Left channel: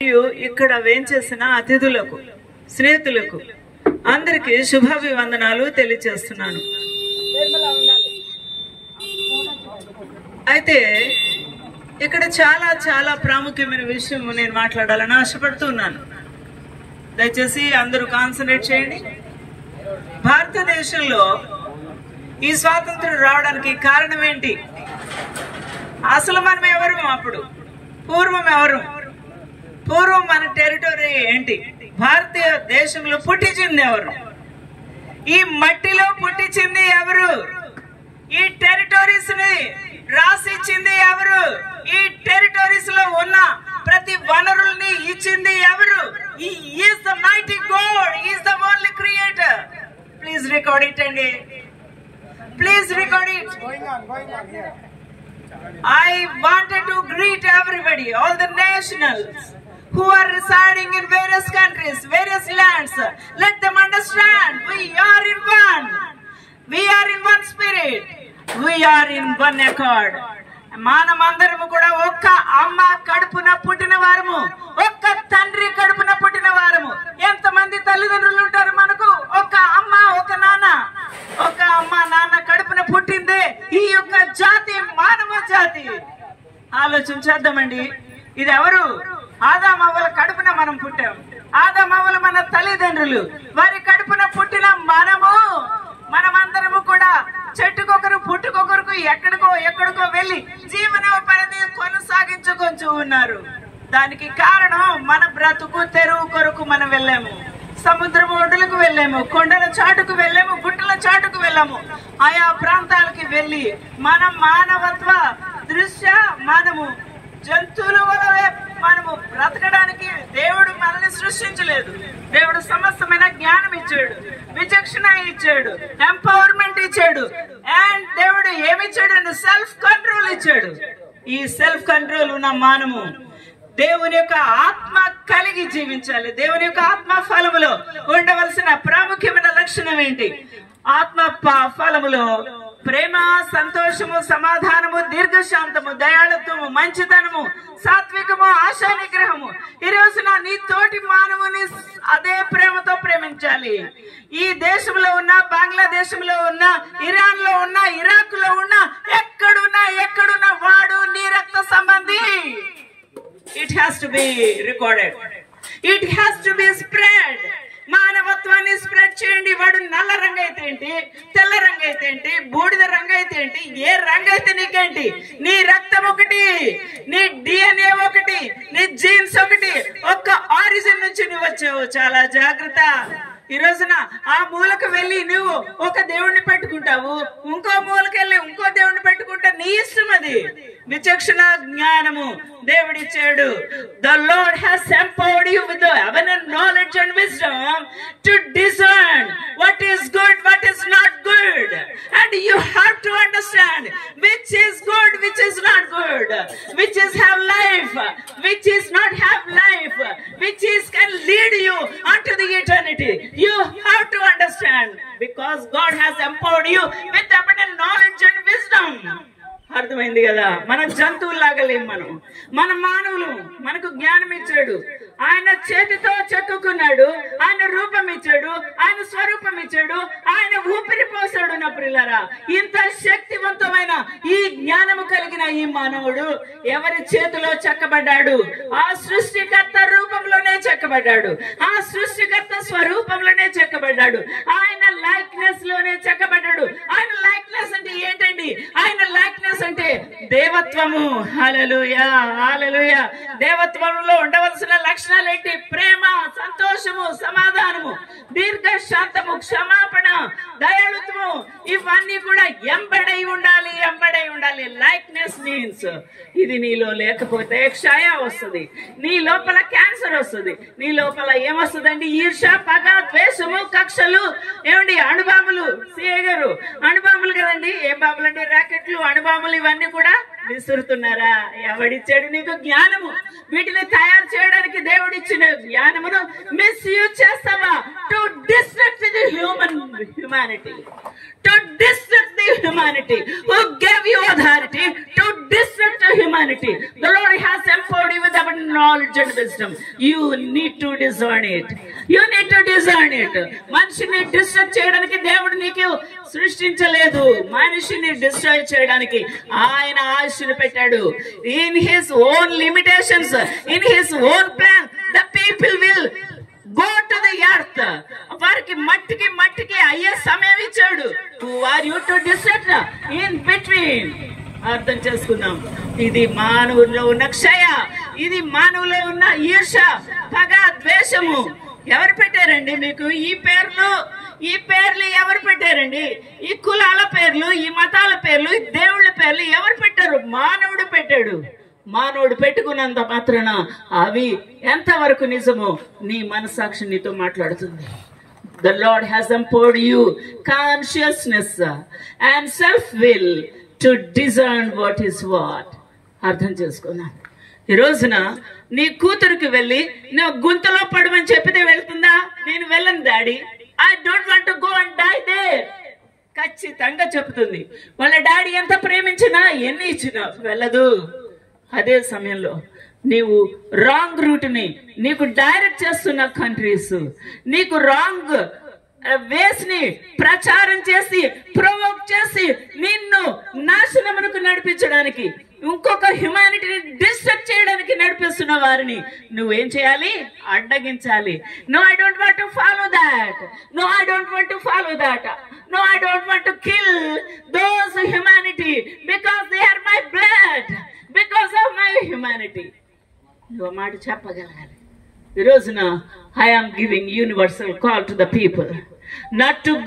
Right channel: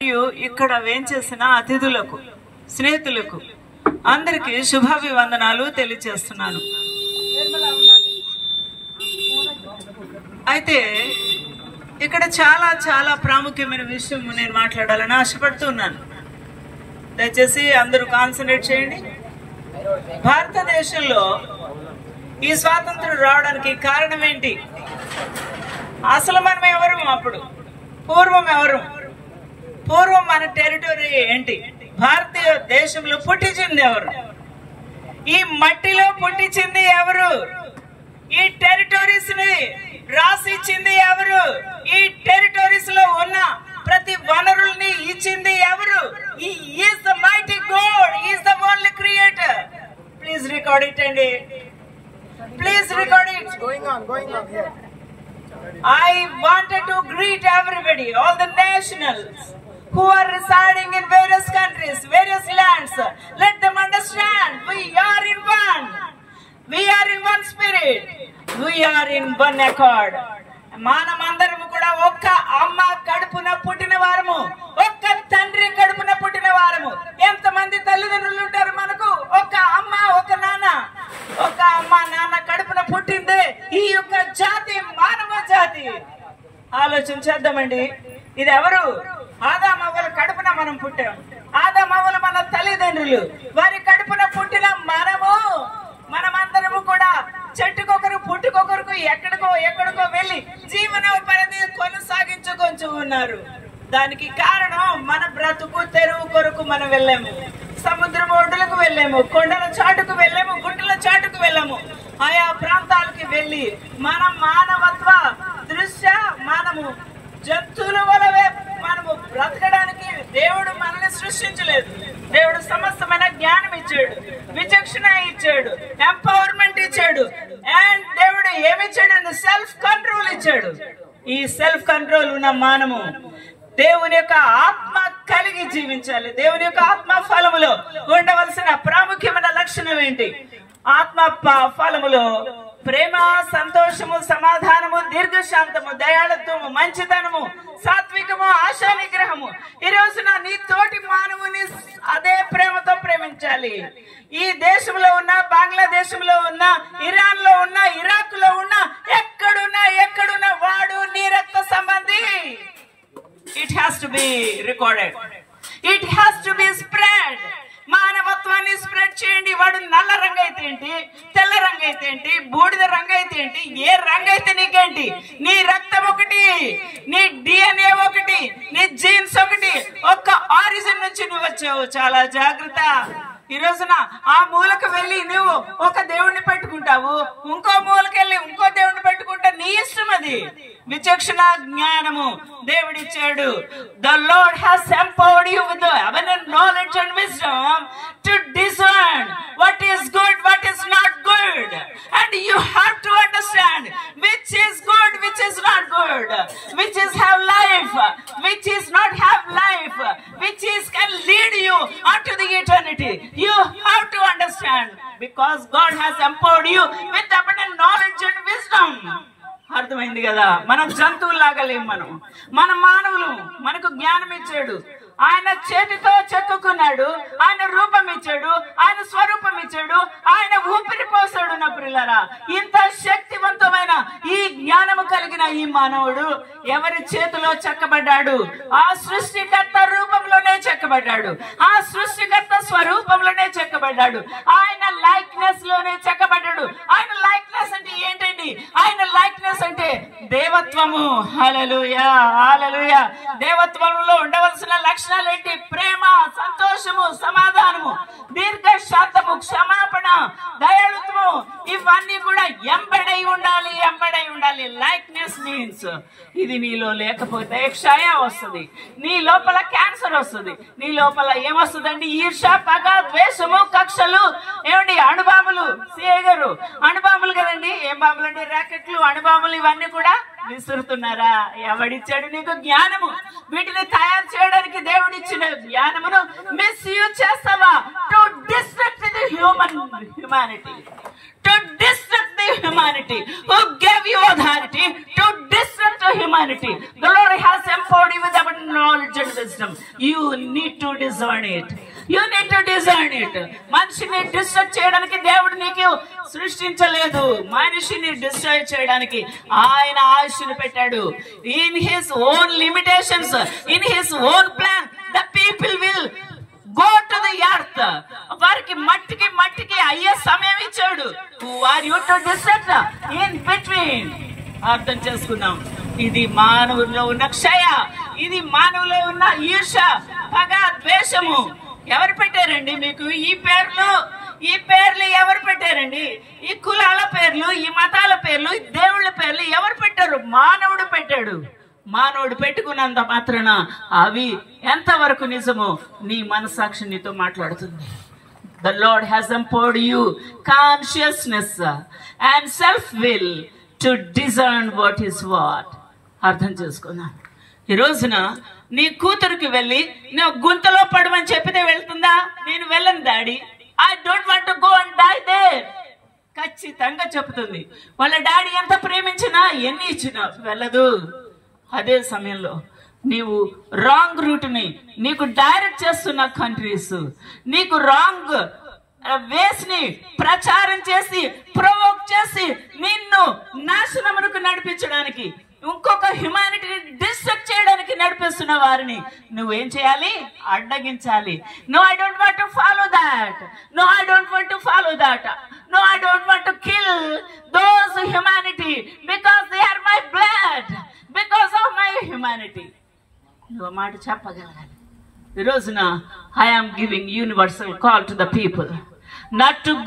ఇక్కడ వేంచేసిన అతిథులకు, స్నేహితులకు అందరికీ శుభాభివందనాలు తెలియజేస్తున్నాను. అయితే ఇక్కడ చాలా చాలా ప్రాముఖ్యమైన విషయం నేను మాట్లాడాలని ఆశపడుతున్నాను. దయచేసి అందరూ కాన్సన్ట్రేట్ చేయండి. భారతదేశంలో ఈ స్వాతంత్రం రావడానికి కారణం ఏంటి? అసలు మనం ఎవరు? అప్పుడు పూర్వం ఎవరు? పూర్వం మన టెరిటరీ ఏంటి? భారతీయ దేశంలో పుట్టించింది ఎవరు? ఈ మట్టిలో పుట్టించింది ఎవరు? ఈ టెరిటరీస్ ని రాసిచ్చింది ఎవరు? ఈ టెరిటరీస్ లో ఉన్న ప్రతి వనరుల్ని ఇచ్చింది ఎవరు? He is the mighty God. He is the only creator. Please record it, Andy. Please record it. Going on here. I wanted to greet everybody, all the nationals who are residing in various countries, various lands. Let them understand we are in one. We are in one spirit. We are in one accord. మనమందరము కూడా ఒక్క అమ్మ కడుపున పుట్టిన వారము, ఒక్క తండ్రి కడుపున పుట్టిన వారము. ఎంతమంది తల్లిదండ్రులు ఉంటారు మనకు? ఒక్క అమ్మ, ఒక నాన్న. ఒక అమ్మ నాన్న కడుపున పుట్టిందే ఈ యొక్క జాతి, మానవ జాతి. ఆలోచించేద్దామండి. ఇది ఎవరు? ఆదామవ్వల కడుపున మనం పుట్టాం. ఆదామవ్వలు మన తల్లిదండ్రులు. వారి కడుపున పుట్టిన మనమందరము కూడా చెట్టుకొకరు పుట్టుకొకరుకు ఎక్కడికో వెళ్లి జీవనోపాధిని కొనసాగించుకొంచు ఉన్నారు. దానికి కారణం మన బ్రతుకు తెరువు కొరకు మనం వెళ్ళాము. సముద్రం ఒడ్డులకు వెళ్ళాము, కొండల చాటుకు వెళ్ళాము, గుట్టల చాటుకు వెళ్ళాము. ఆయా ప్రాంతాలకి వెళ్లి మన మానవత్వ దృష్ట్యా మనము జంతువుల వలె మనము బ్రతకడానికి దేవుడు మనల్ని సృష్టించలేదు. దేవుడు సమస్తమైన జ్ఞానం ఇచ్చాడు, విచక్షణ ఇచ్చాడు, ఎంపవర్మెంట్ ఇచ్చాడు. అండ్ దేవుడు ఏమిచ్చాడు? సెల్ఫ్ కంట్రోల్ ఇచ్చాడు. ఈ సెల్ఫ్ కంట్రోల్ ఉన్న మనము దేవుని యొక్క ఆత్మ కలిగి జీవించాలి. దేవుని యొక్క ఆత్మ ఫలములో ఉండవలసిన ప్రాముఖ్యమైన లక్షణం ఏంటి? ఆత్మ ఫలములో ప్రేమ, సంతోషము, సమాధానము, దీర్ఘశాంతము, దయాళత్వము, మంచితనము, సాత్వికము, ఆశా నిగ్రహము. ఈ రోజున నీ తోటి మానవుని అదే ప్రేమతో ప్రేమించాలి. ఈ దేశంలో ఉన్న, బంగ్లాదేశంలో ఉన్న, ఇరాన్ లో ఉన్న, ఇరాక్ లో ఉన్న, ఎక్కడున్నా వాడు నీ రక్త సంబంధి. It has to be recorded. It has to be spread. మానవత్వాన్ని స్ప్రెడ్ చేయండి. వాడు నల్ల రంగు అయితే ఏంటి, తెల్ల రంగు అయితే ఏంటి, బూడిద రంగు అయితే ఏంటి, ఏ రంగు అయితే నీకేంటి? నీ రక్తం ఒకటి, నీ DNA ఒకటి, నీ జీన్స్ ఒకటి. ఒక్క ఆరిజిన్ నుంచి నువ్వు వచ్చావు. చాలా జాగ్రత్త. ఈ రోజున ఆ మూలకు వెళ్ళి నువ్వు ఒక దేవుణ్ణి పెట్టుకుంటావు, ఇంకో మూలకి వెళ్ళి ఇంకో దేవుణ్ణి పెట్టుకుంటా. నీ ఇష్టం అది. విచక్షణ జ్ఞానము దేవుడిచ్చాడు. The Lord has empowered you with the abundant knowledge and wisdom to discern what is good, what is not good. And you have to understand which is good, which is not good, which is have life, which is not have life, which is can lead you unto the eternity. You have to understand because God has empowered you with abundant knowledge and wisdom. అర్థమైంది కదా? మన జంతువులాగా లేం. మన మానవులు. మనకు జ్ఞానం ఇచ్చాడు. ఆయన చేతితో చెక్కుకున్నాడు. ఆయన రూపం ఇచ్చాడు, ఆయన స్వరూపం ఇచ్చాడు, ఆయన ఊపిరి పోసాడు. నా ప్రియులారా, ఇంత శక్తివంతమైన ఈ జ్ఞానము కలిగిన ఈ మానవుడు ఎవరి చేతిలో చెక్కబడ్డాడు? ఆ సృష్టికర్త రూపంలోనే చెక్కబడ్డాడు. ఆ సృష్టికర్త స్వరూపంలోనే చెక్కబడ్డాడు. ఆయన లైక్నెస్ లోనే చెక్కబడ్డాడు. ఆయన లైక్నెస్ అంటే ఏంటండి? ఆయన లైక్నెస్ అంటే దేవత్వము. హల్లెలూయా, హల్లెలూయా. దేవత్వంలో ఉండవలసిన లక్షణాలు ఏంటి? ప్రేమ, సంతోషము, సమాధానము, దీర్ఘశాంతము, క్షమాపణ, దయాళుత్వము. ఇవన్నీ కూడా ఎంబడై ఉండాలి. లైక్నెస్ మీన్స్ ఇది నీలో లేకపోతే క్షయ వస్తుంది, నీ లోపల క్యాన్సర్ వస్తుంది, నీ లోపల ఏమొస్తుందండి? ఈర్ష, పగ, ద్వేషము, కక్షలు, ఏమండి అణుబాంబులు. సిఐ గారు అణుబాంబులు కదండి. ఏం బాంబులు అండి? రాకెట్లు, అణుబాంబులు ఇవన్నీ కూడా విసురుతున్నారా? ఎవడిచ్చాడు నీకు జ్ఞానము? వీటిని తయారు చేయడానికి దేవుడిచ్చిన జ్ఞానమును మిస్యూజ్ చేస్తావా? To destruct the humanity. To destruct the humanity. Who gave you authority to destruct the humanity? The Lord has empowered you with abundant knowledge and wisdom. You need to discern it. You need to discern it. మనిషిని distract చేయడానికి దేవుడు నీకు సృష్టించలేదు. మనిషిని distract చేయడానికి ఆయన ఆయుష్ని పెట్టాడు. In his own limitations, in his own plan, the people will go to the earth. వారికి మట్టికి అయ్యే సమయం ఇచ్చాడు. Who are you to distract in between? అర్థం చేసుకుందాం. ఇది మానవుల్లో ఉన్న క్షయ, ఇది మానవులో ఉన్న ఈర్ష, పగ, ద్వేషము. ఎవరు పెట్టారండి మీకు ఈ పేర్లు ఎవరు పెట్టారండి? ఈ కులాల పేర్లు, ఈ మతాల పేర్లు, ఈ దేవుళ్ళ పేర్లు ఎవరు పెట్టారు? మానవుడు పెట్టాడు. మానవుడు పెట్టుకున్నంత మాత్రాన అవి ఎంతవరకు నిజమో నీ మనసాక్షి నీతో మాట్లాడుతుంది. The Lord has empowered you consciousness and self-will to discern what is what. అర్థం చేసుకుందాం. ఈ రోజున నీ కూతురికి వెళ్ళి నువ్వు గుంతలో పడమని చెప్పితే వెళ్తుందా? నేను వెళ్ళను daddy, I don't want to go and die there. ఖచ్చితంగా చెప్తుంది. వాళ్ళ డాడీ ఎంత ప్రేమించినా ఎన్ని ఇచ్చినా వెళ్ళదు. అదే సమయంలో నీవు రాంగ్ రూట్ని నీకు డైరెక్ట్ చేస్తున్న కంట్రీస్, నీకు రాంగ్ వేస్ ని ప్రచారం చేసి ప్రొవోక్ చేసి నిన్ను నాశనమునకు నడిపించడానికి, ఇంకొక హ్యుమానిటీని డిస్ట్రక్ట్ చేయడానికి నడిపిస్తున్న వారిని నువ్వేం చేయాలి? అడ్డగించాలి. No, I don't want to follow that. No, I don't want to follow that. No, I don't want to kill those humanity because they are my blood, because of my humanity. నువ్వు మాట చెప్పగలగాలి. ఈ రోజున I am giving universal call to the people not to go